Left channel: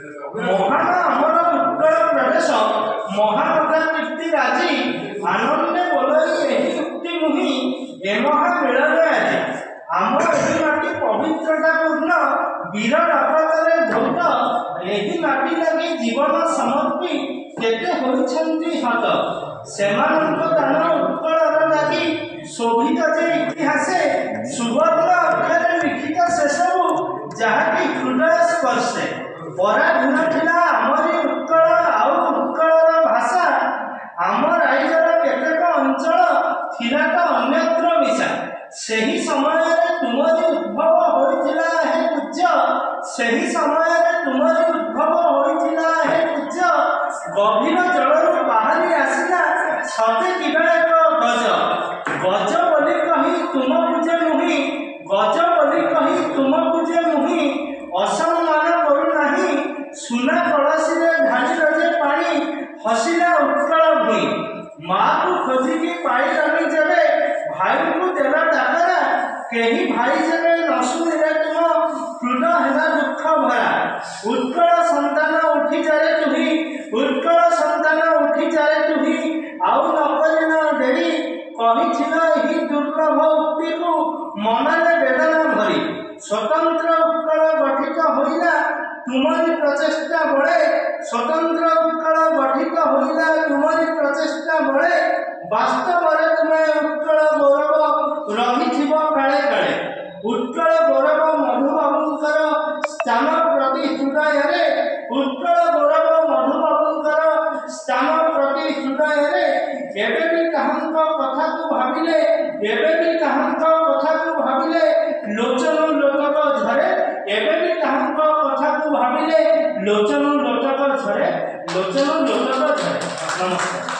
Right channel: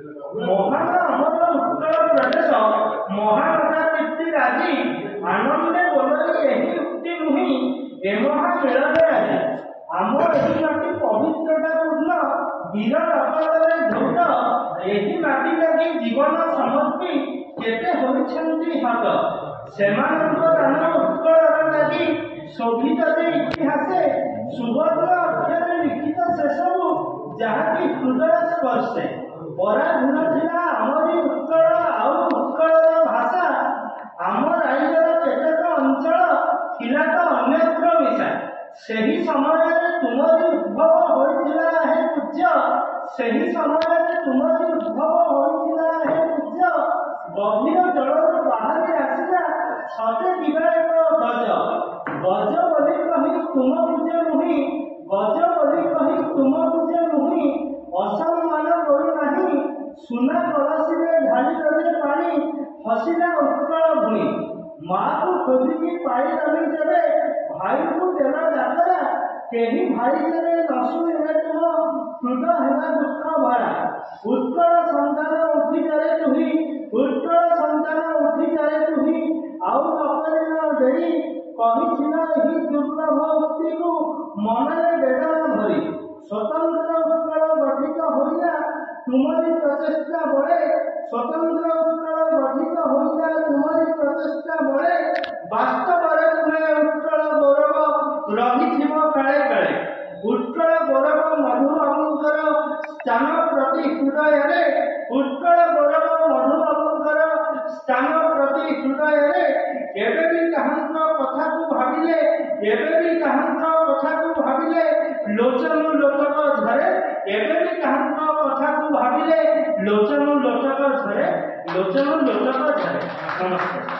महान अमर उत्कल प्रदेश महाकथा कीर्ति राजी आनंदे बोलई एही उक्ति मुहि एमहा मिलने आज आम एही माटी पवित्रता पूर्ण वीर रपतरे धौत एही माटी लगी जीवन समर्पी केते होइछन्ति हत सेमानंक दान उत्कलर लागि शोभित जे इतिहासे सुवर्ण अक्षरे लिखित से सब जहाँकि हृदय स्पर्शे पराधीन थिला आमरी उत्कल आउ उत्कलर भाषा आम राइजर केतेक अंचल थिला तो अन्यत्र मिशा सेही समय तुमरी उद्भव होइथिला हे पूज्य सेही समय तुमरी उद्भव होइथिला हे पूज्य गभीर जलरू बाहरी आसिला छते किबा एक गज गज बोली कही तुम पूजे मुहि गज बोली कही तुम पूजे मुहि असम्मान करू नाही सुना कलसी ढाली रजे पानी हसिला उत्कल भूई माँ को खोजिकी पाइलानी जबे भाई को देला डाकरा केही भाई जबे न सुनिले तुम हृदय हेला दुख भरा उत्कल संतान उठी जारे तुही उत्कल संतान उठी जारे तुही आउ न करिना देरी कहिथिला एही दुर्लभ उक्ति को मनरे वेदना भरी स्वतंत्र उत्कल गठित होइला तुमरी प्रचेष्टा बळे स्वतंत्र उत्कल गठित होइला तुमरी प्रचेष्टा बळे वास्तव रे तुमे उत्कल गौरव रहिथिबो काळे काळे उत्कल गौरव मधुबाबुंकर स्थान प्रति हृदय रे उत्कल गौरव मधुबाबुंकर स्थान प्रति हृदय रे एबे भी कहांक कथा को भाबिले एबे भी कहांक कथा को भाबिले लोचन लोटक झरे एबे भी कहांक कथा को भाबिले लोचन लोटक झरे लोचन लोटक झरे। नमस्कार।